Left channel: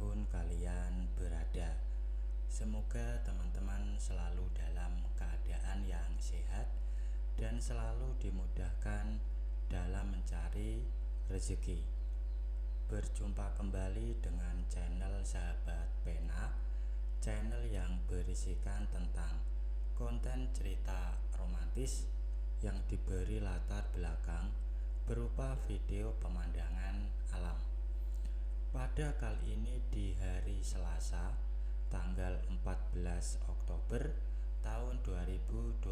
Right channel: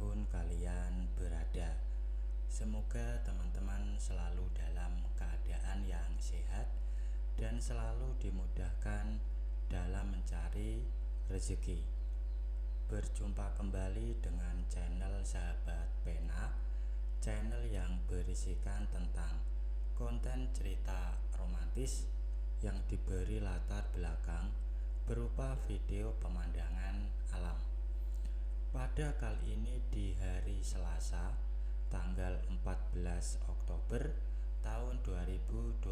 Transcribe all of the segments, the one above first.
dimanapun kalian berada. Semoga teman-teman selalu dalam keadaan yang sehat dan selalu dimudahkan dalam mencari rezeki. Berjumpa kembali dengan channel Sahabat Pena, channel yang berisikan tentang konten cerita romantis yang diberi latar belakang berupa video pemandangan alam. Pada kali ini di hari Selasa, tanggal 14 Oktober tahun 2025.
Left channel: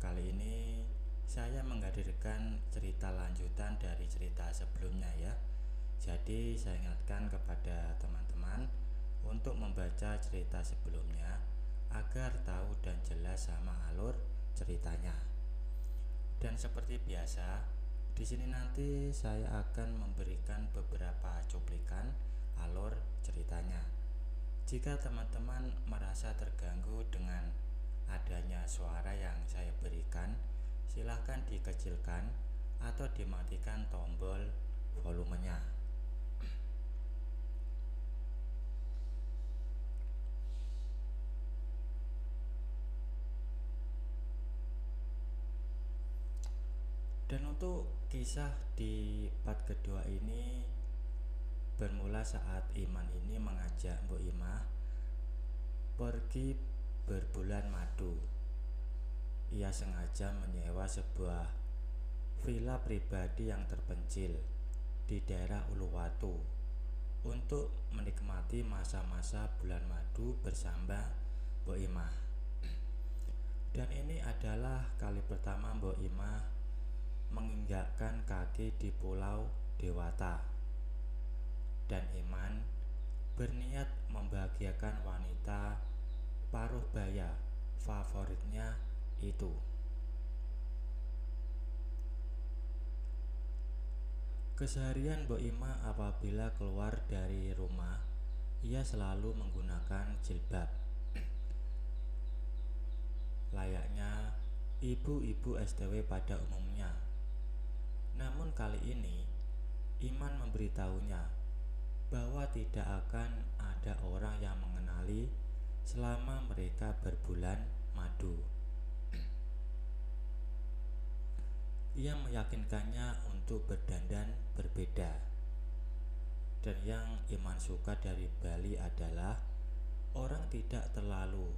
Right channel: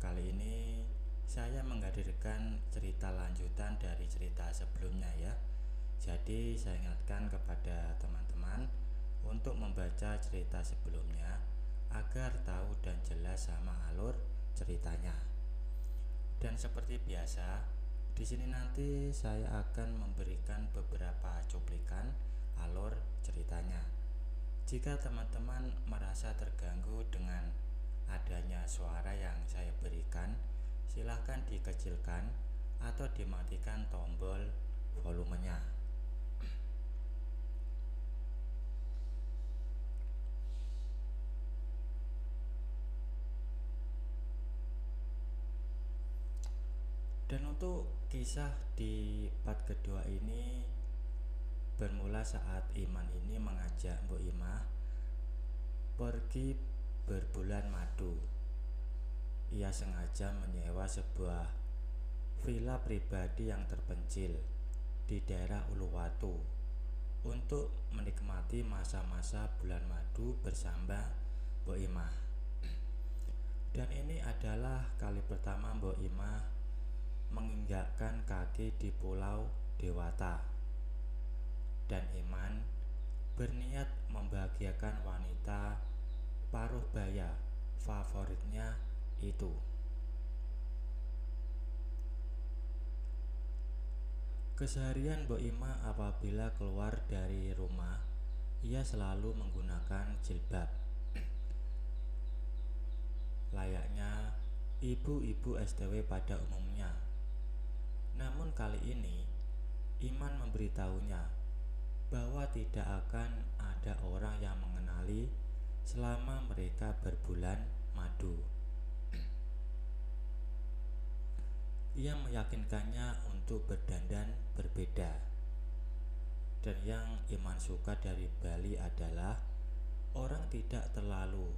Kali ini saya menghadirkan cerita lanjutan dari cerita sebelumnya ya. Jadi saya ingatkan kepada teman-teman untuk membaca cerita sebelumnya agar tahu dan jelas sama alur ceritanya. Dan seperti biasa, di sini nanti saya akan memberikan beberapa cuplikan alur ceritanya. Jika teman-teman merasa terganggu dengan adanya suara yang saya berikan, silahkan dikecilkan atau dimatikan tombol volumenya. Dan untuk kisah di part kedua ini bermula saat Iman ini mengajak Mbok Imah pergi berbulan madu. Ia sengaja menyewa sebuah villa pribadi yang terpencil di daerah Uluwatu untuk menikmati masa-masa bulan madu bersama Mbok Imah. Dan ini adalah kali pertama Mbok Imah menginjakkan kaki di Pulau Dewata, dan Iman berniat membahagiakan wanita paruh baya favoritnya itu. Keseharian Mbok Imah apabila keluar dari rumah, ia selalu menggunakan jilbab, layaknya ibu-ibu STW pada umumnya. Namun kali ini Iman memberitahunya bahwa tidak akan ada orang yang mengenali selama mereka berbulan madu. Ia meyakinkannya untuk berdandan berbeda. Dan yang Iman suka dari Bali adalah orang tidak terlalu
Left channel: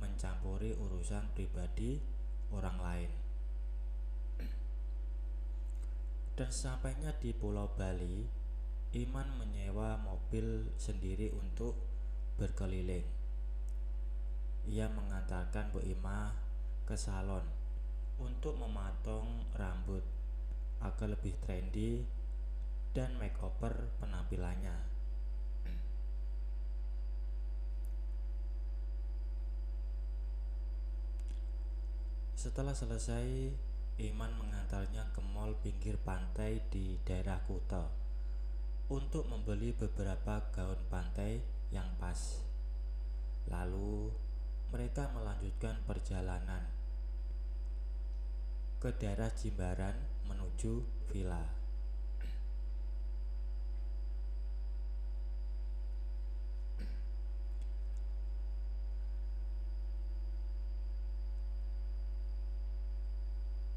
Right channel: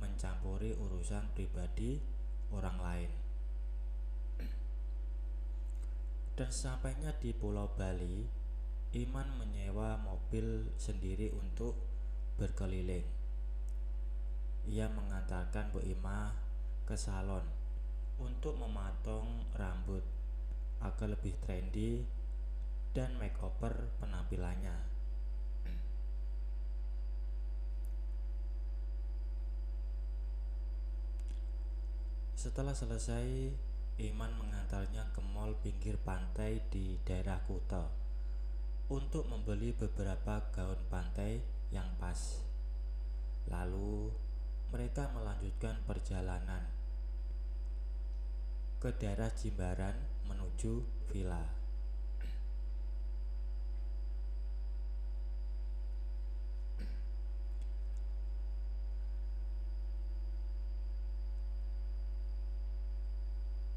mencampuri urusan pribadi orang lain. Dan sampainya di Pulau Bali, Iman menyewa mobil sendiri untuk berkeliling. Ia mengantarkan Bu Imah ke salon untuk memotong rambut agar lebih trendy dan makeover penampilannya. Setelah selesai, Iman mengantarnya ke mall pinggir pantai di daerah Kuta untuk membeli beberapa gaun pantai yang pas. Lalu mereka melanjutkan perjalanan ke daerah Jimbaran menuju villa.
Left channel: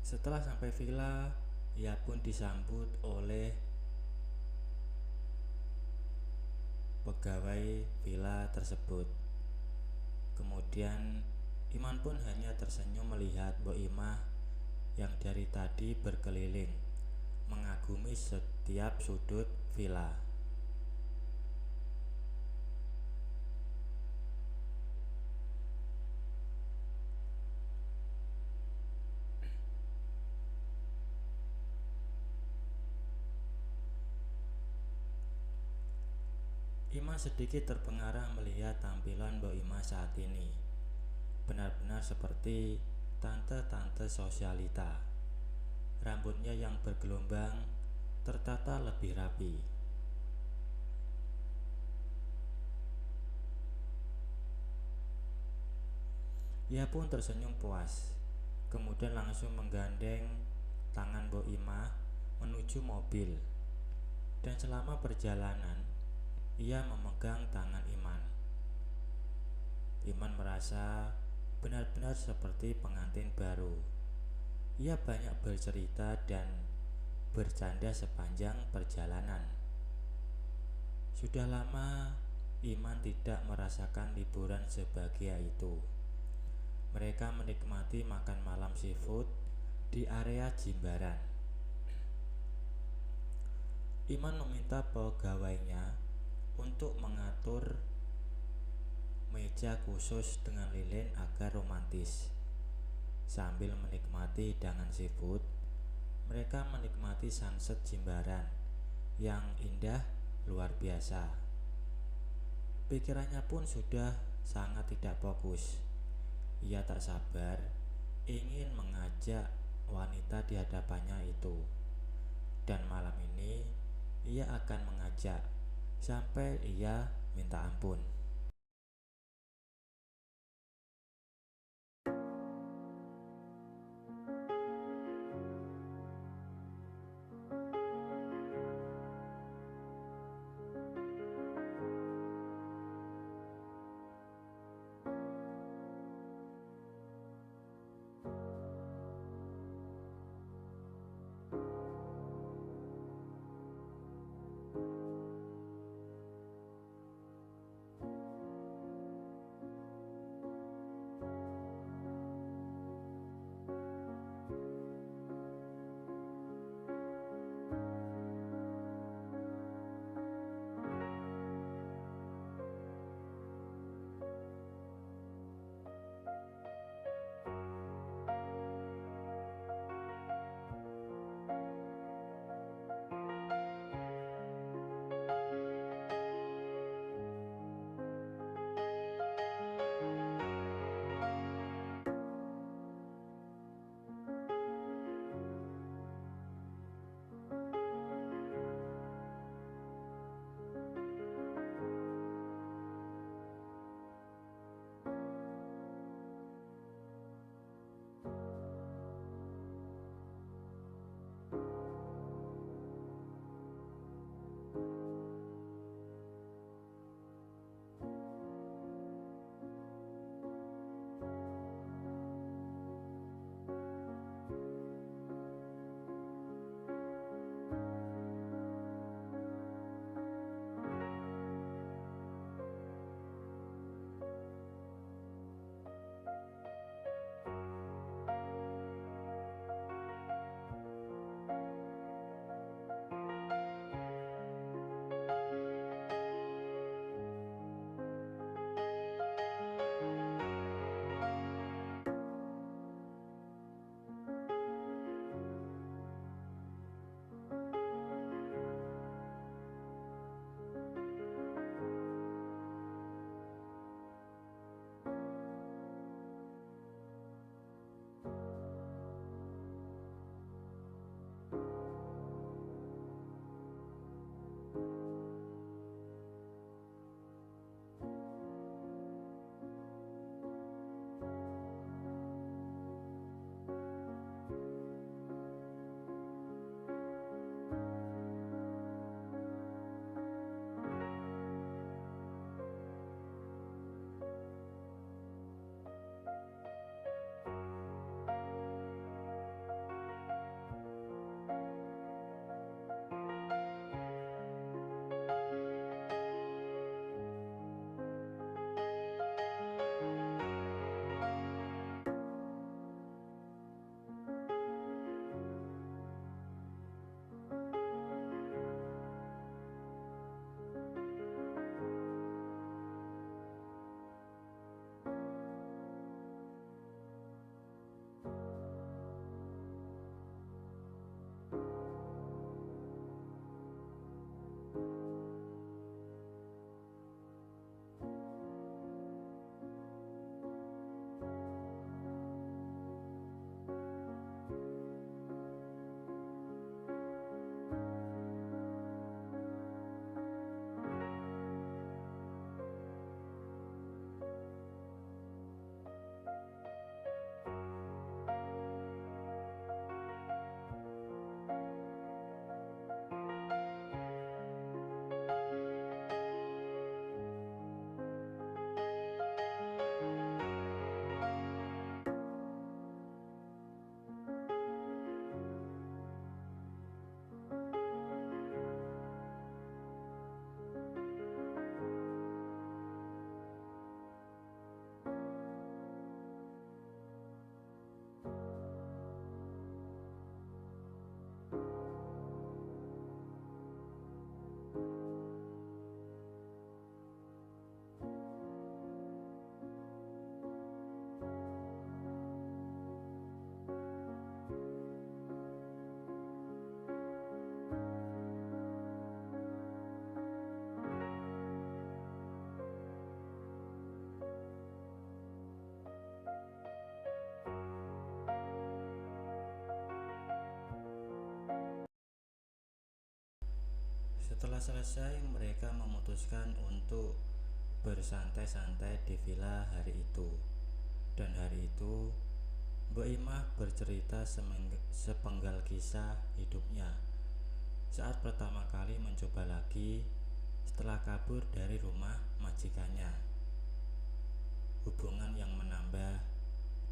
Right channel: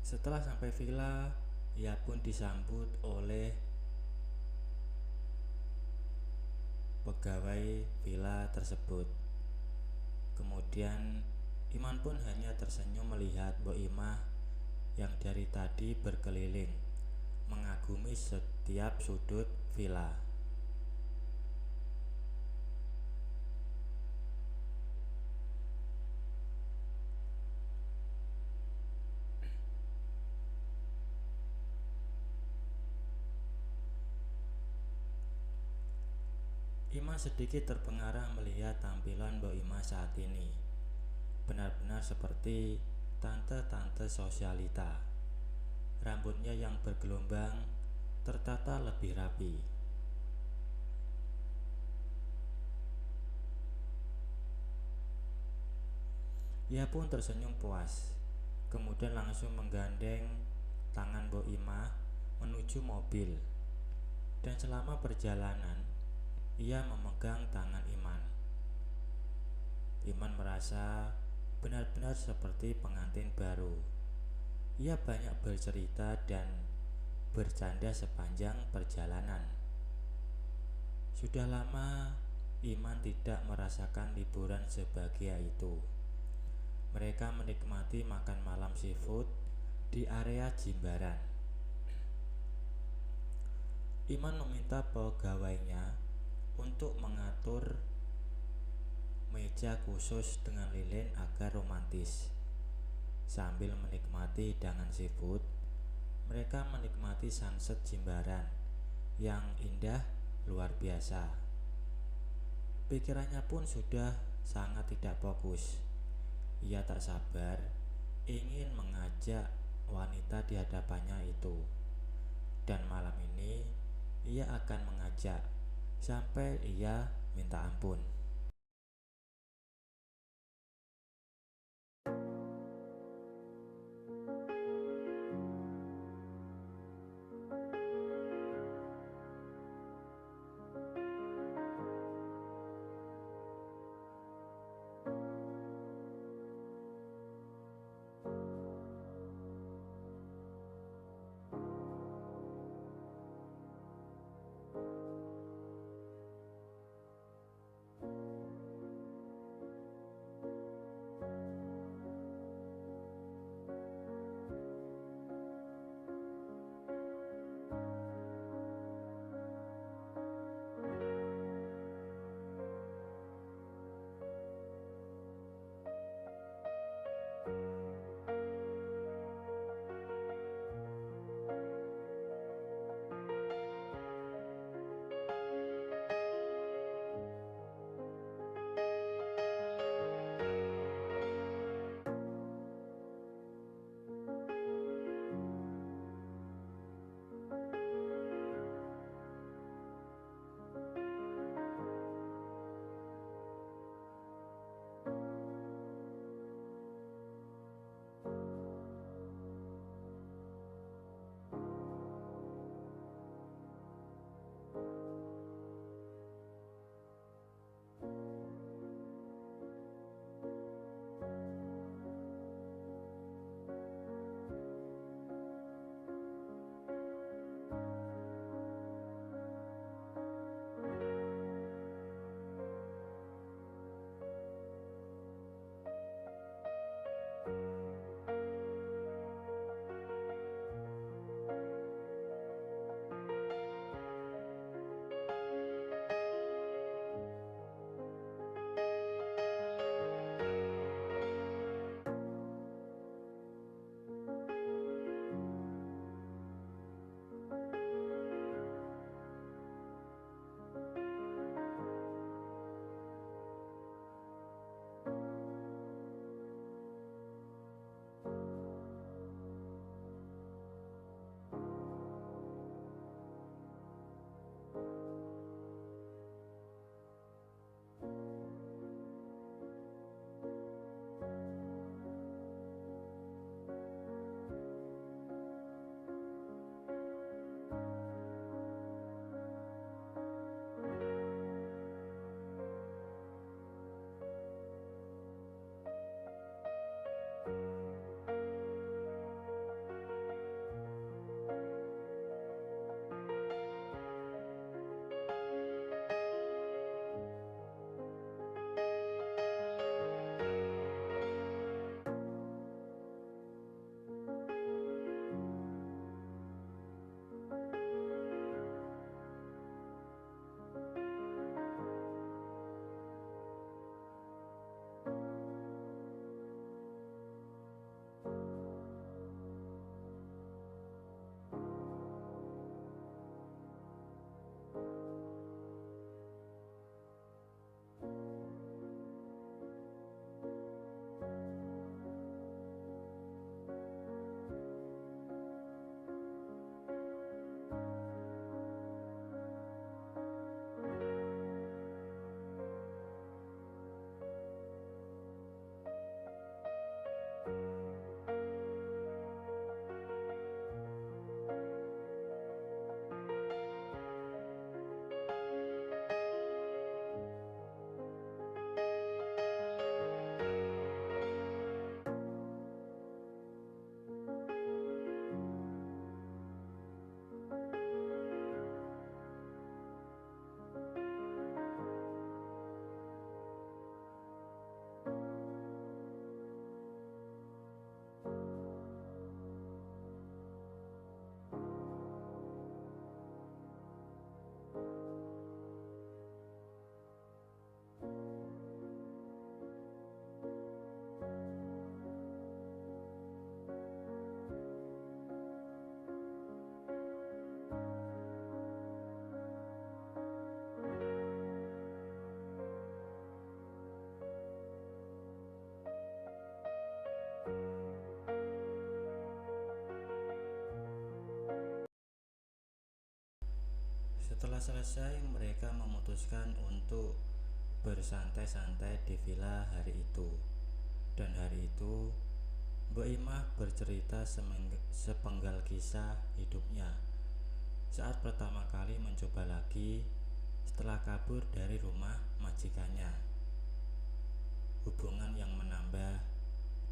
Setelah sampai villa, ia pun disambut oleh pegawai villa tersebut. Kemudian Iman pun hanya tersenyum melihat Mbok Imah yang dari tadi berkeliling mengagumi setiap sudut villa. Iman sedikit terpengaruh melihat tampilan Mbok Imah saat ini. Benar-benar seperti tante-tante sosialita. Rambutnya yang bergelombang tertata lebih rapi. Ia pun tersenyum puas, kemudian langsung menggandeng tangan Mbok Imah menuju mobil. Dan selama perjalanan, ia memegang tangan Iman. Iman merasa benar-benar seperti pengantin baru. Ia banyak bercerita dan bercanda sepanjang perjalanan. Sudah lama Iman tidak merasakan liburan sebahagia itu. Mereka menikmati makan malam seafood di area Jimbaran. Iman meminta pegawainya untuk mengatur meja khusus dengan lilin agar romantis. Sambil menikmati hidangan seafood, mereka menikmati sunset Jimbaran yang indah luar biasa. Pikirannya pun sudah sangat tidak fokus. Ia tak sabar ingin mengajak wanita di hadapannya itu. Dan malam ini ia akan mengajak sampai ia minta ampun. Setelah selesai, mereka memutuskan untuk bersantai-santai di villa hari itu. Dan hari itu, Mbok Imah bercerita sepenggal kisah hidupnya saat pertama kali mencoba lagi setelah kabur dari rumah majikannya. Hubungan yang menambah,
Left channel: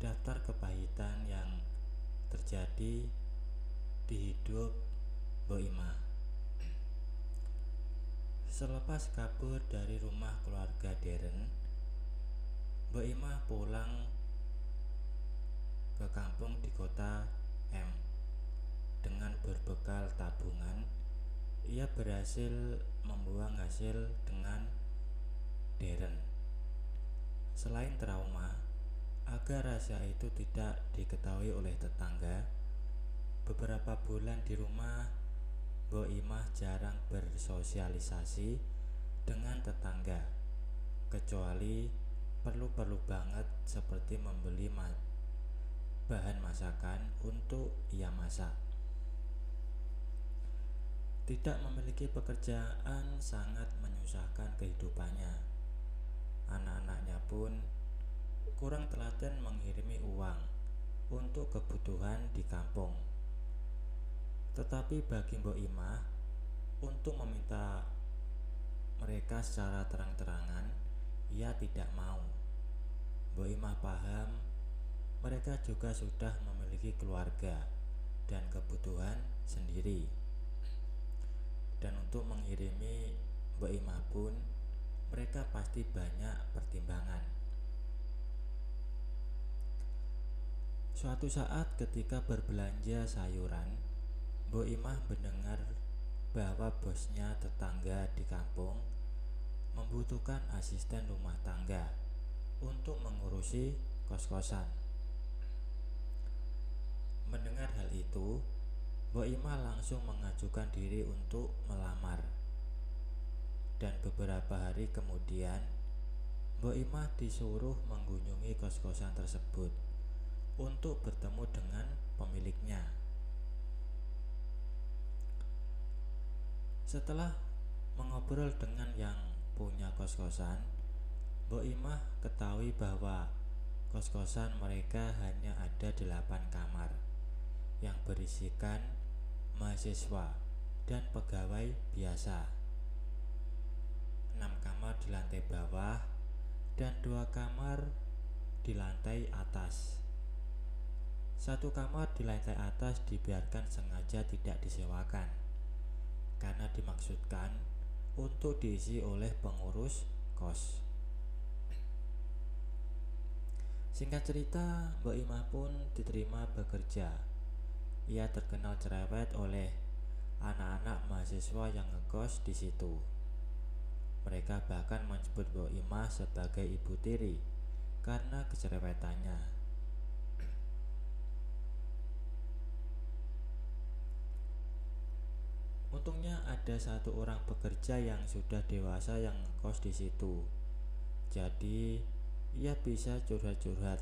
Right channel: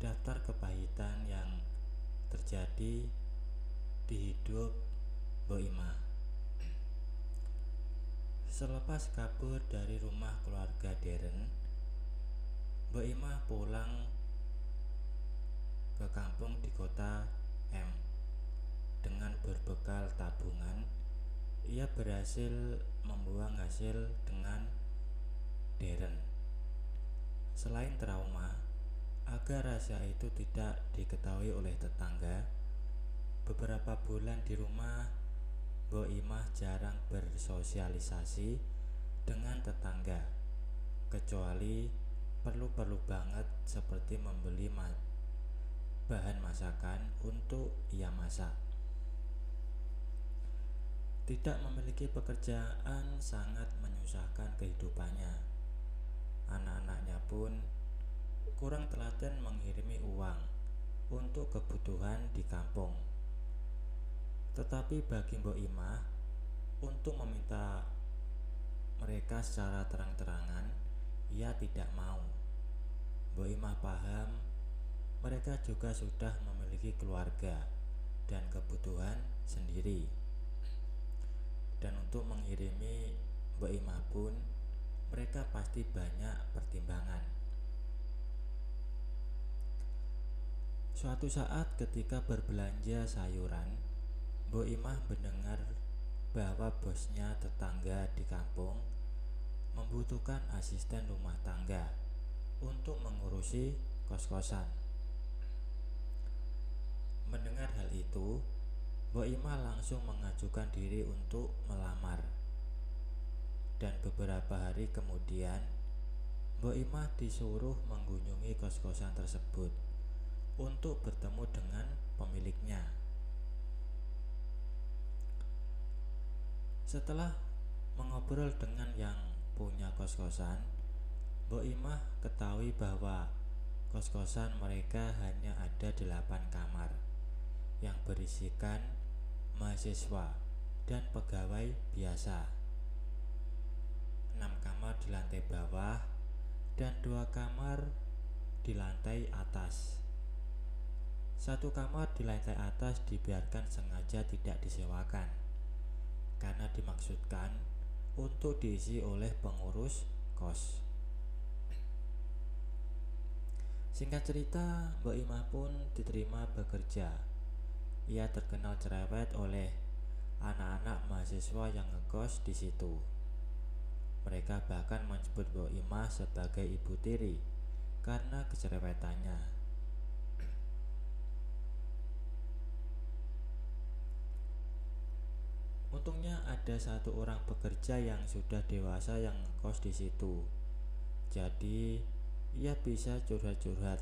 daftar kepahitan yang terjadi di hidup Mbok Imah. Selepas kabur dari rumah keluarga Deren, Mbok Imah pulang ke kampung di kota M. Dengan berbekal tabungan, ia berhasil membuang hasil dengan Deren. Selain trauma, agar rahasia itu tidak diketahui oleh tetangga, beberapa bulan di rumah Mbok Imah jarang bersosialisasi dengan tetangga, kecuali perlu-perlu banget seperti membeli bahan masakan untuk ia masak. Tidak memiliki pekerjaan sangat menyusahkan kehidupannya. Anak-anaknya pun kurang telaten mengirimi uang untuk kebutuhan di kampung. Tetapi bagi Mbok Imah, untuk meminta mereka secara terang-terangan, ia tidak mau. Mbok Imah paham mereka juga sudah memiliki keluarga dan kebutuhan sendiri. Dan untuk mengirimi Mbok Imah pun, mereka pasti banyak pertimbangan. Suatu saat ketika berbelanja sayuran, Mbok Imah mendengar bahwa bosnya tetangga di kampung membutuhkan asisten rumah tangga untuk mengurusi kos-kosan. Mendengar hal itu, Mbok Imah langsung mengajukan diri untuk melamar. Dan beberapa hari kemudian, Mbok Imah disuruh mengunjungi kos-kosan tersebut untuk bertemu dengan pemiliknya. Setelah mengobrol dengan yang punya kos-kosan, Mbok Imah ketahui bahwa kos-kosan mereka hanya ada 8 kamar yang berisikan mahasiswa dan pegawai biasa. 6 kamar di lantai bawah dan 2 kamar di lantai atas. 1 kamar di lantai atas dibiarkan sengaja tidak disewakan karena dimaksudkan untuk diisi oleh pengurus kos. Singkat cerita, Mbok Imah pun diterima bekerja. Ia terkenal cerewet oleh anak-anak mahasiswa yang ngekos di situ. Mereka bahkan menyebut Mbok Imah sebagai ibu tiri karena kecerewetannya. Untungnya ada 1 orang pekerja yang sudah dewasa yang ngekos di situ. Jadi ia bisa curhat-curhat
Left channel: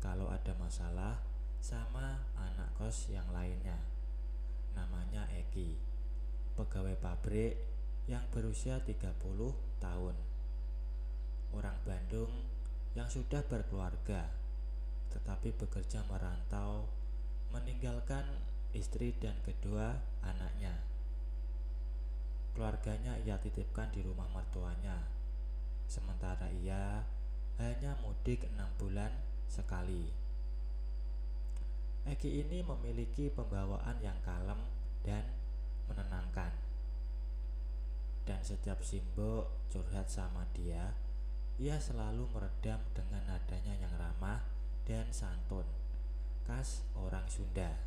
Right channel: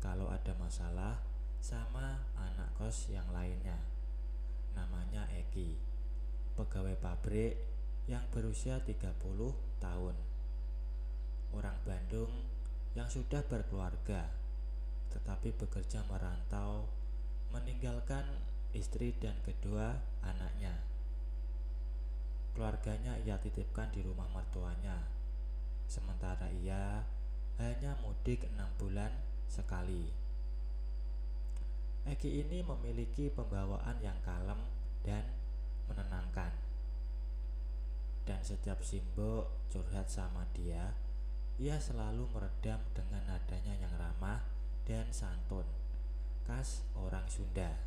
kalau ada masalah sama anak kos yang lainnya. Namanya Eki, pegawai pabrik yang berusia 30 tahun. Orang Bandung yang sudah berkeluarga, tetapi bekerja merantau, meninggalkan istri dan kedua anaknya. Keluarganya ia titipkan di rumah mertuanya, sementara ia hanya mudik 6 bulan sekali. Eki ini memiliki pembawaan yang kalem dan menenangkan. Dan setiap Simbo curhat sama dia, ia selalu meredam dengan nadanya yang ramah dan santun, khas orang Sunda.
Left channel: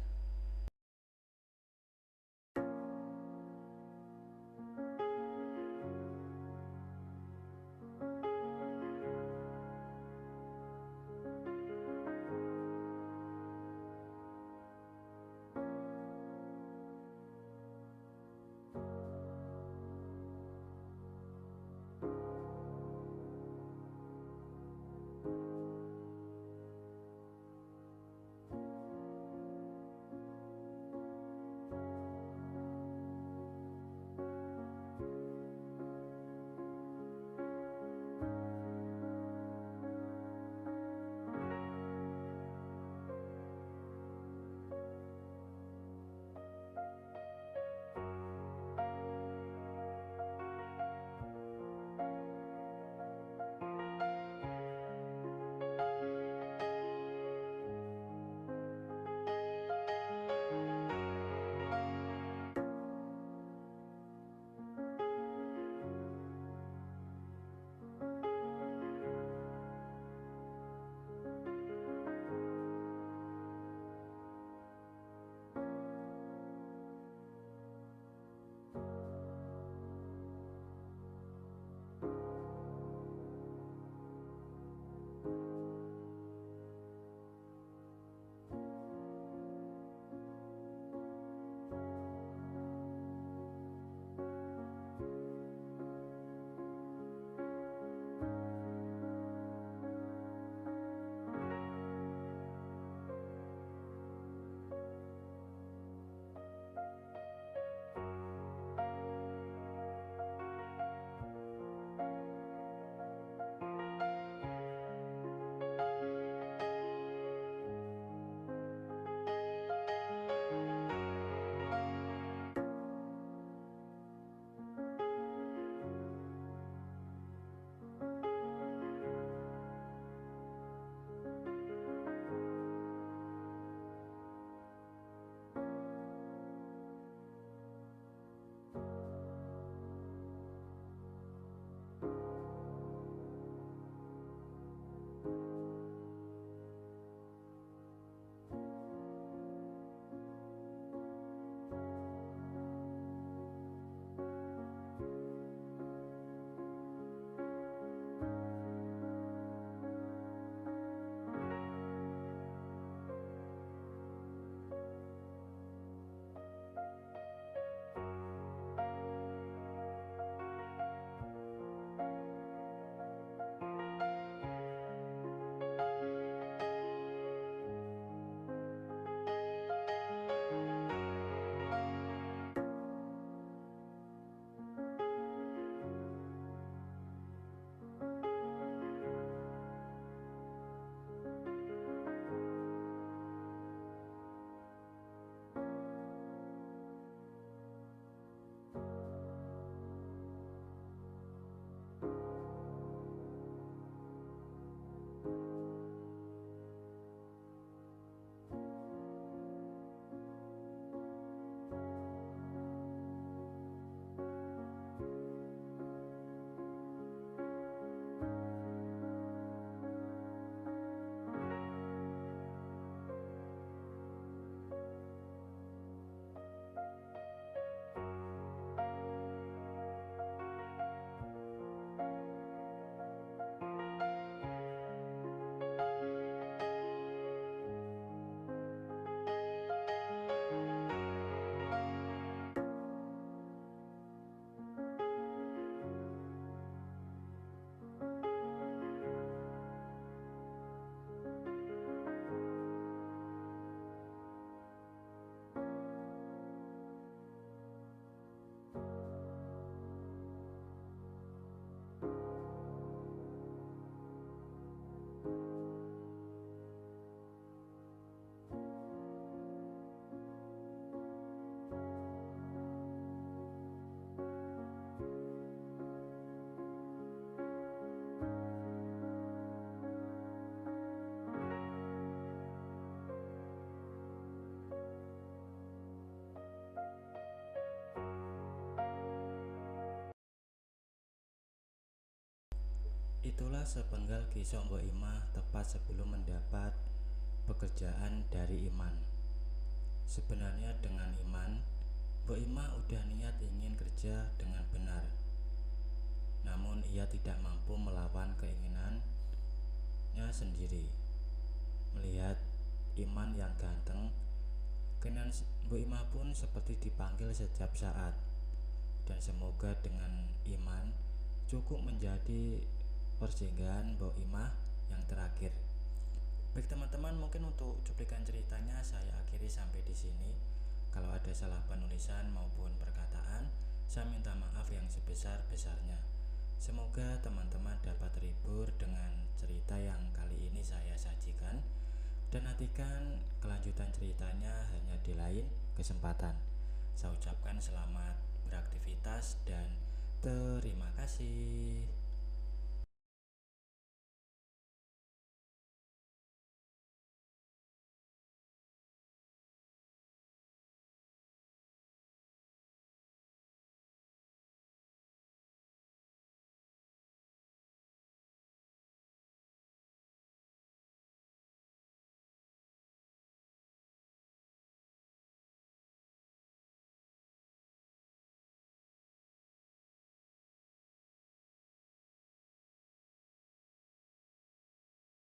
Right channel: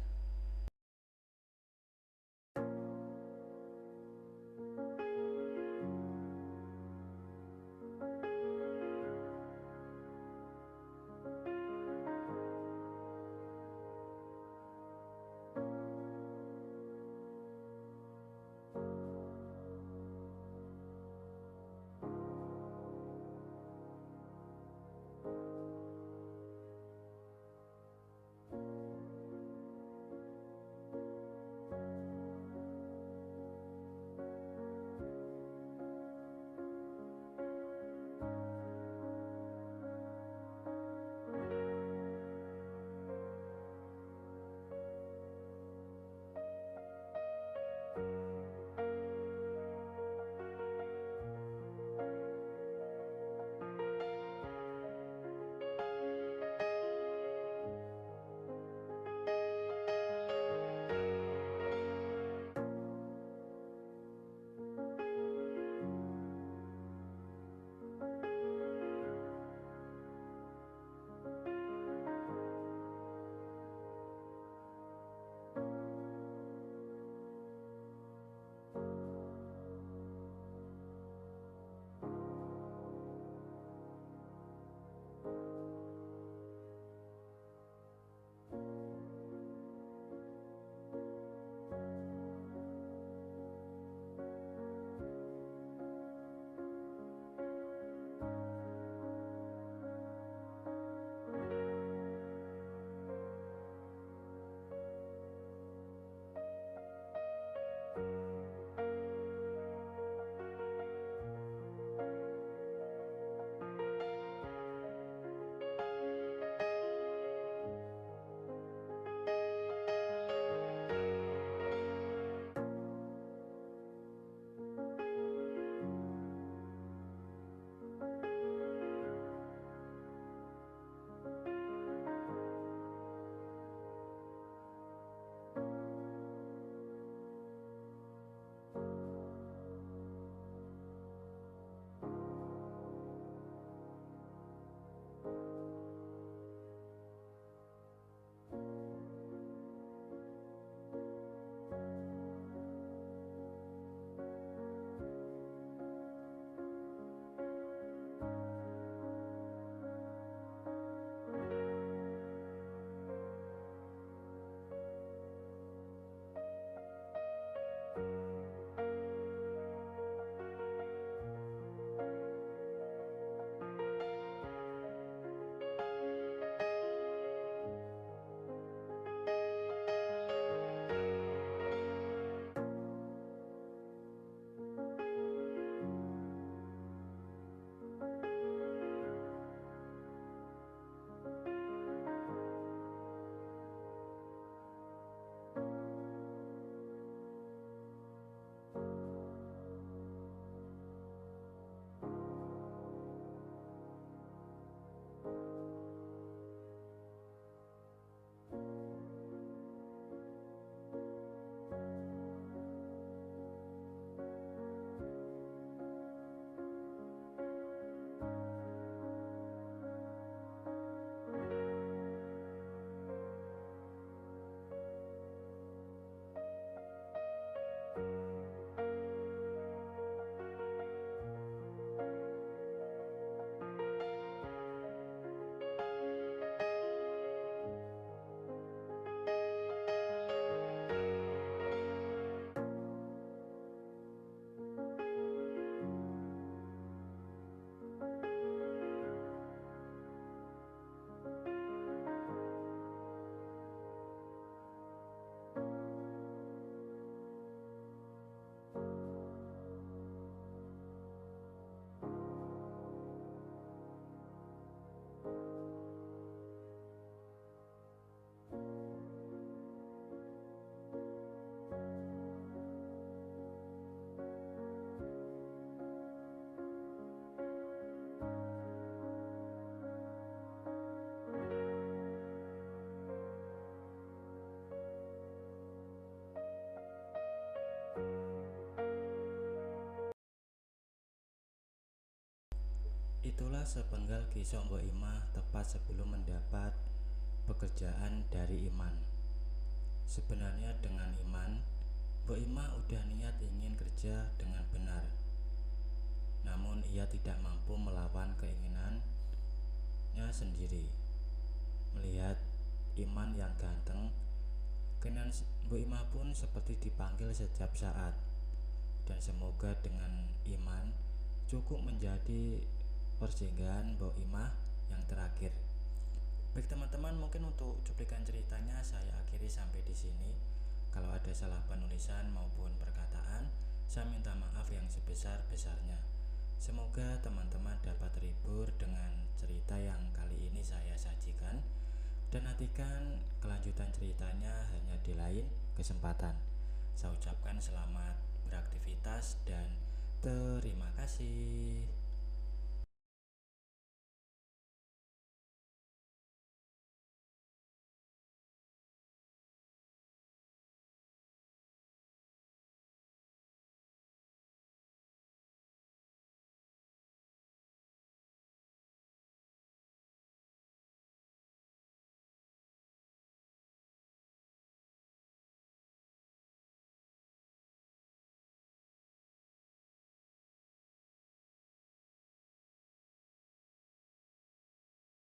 Itulah sepenggal kisah Mbok Imah tepat sebelum mendapat pekerjaan dari Iman. Sebenarnya dengan Iman, Mbok Imah udah niat ingin kerja dengan benar. Namun ia tidak mampu melawan keinginannya sendiri. Melihat Iman yang ganteng, keinginan Mbok Imah pun seperti dipanggil setiap saat. Dan semoga dengan Iman cukup menjadi persinggahan Mbok Imah yang terakhir. Baik teman-teman, mungkin untuk cuplikan ceritanya saya akhiri sampai di sini. Kalau ada salah penulisan maupun perkataan, saya minta maaf yang sebesar-besarnya. Semoga teman-teman dapat terhibur dengan cerita yang kali ini saya sajikan, dan nantikan kelanjutan ceritanya hanya di lain kesempatan. Saya ucapkan selamat beraktivitas dan terima kasih.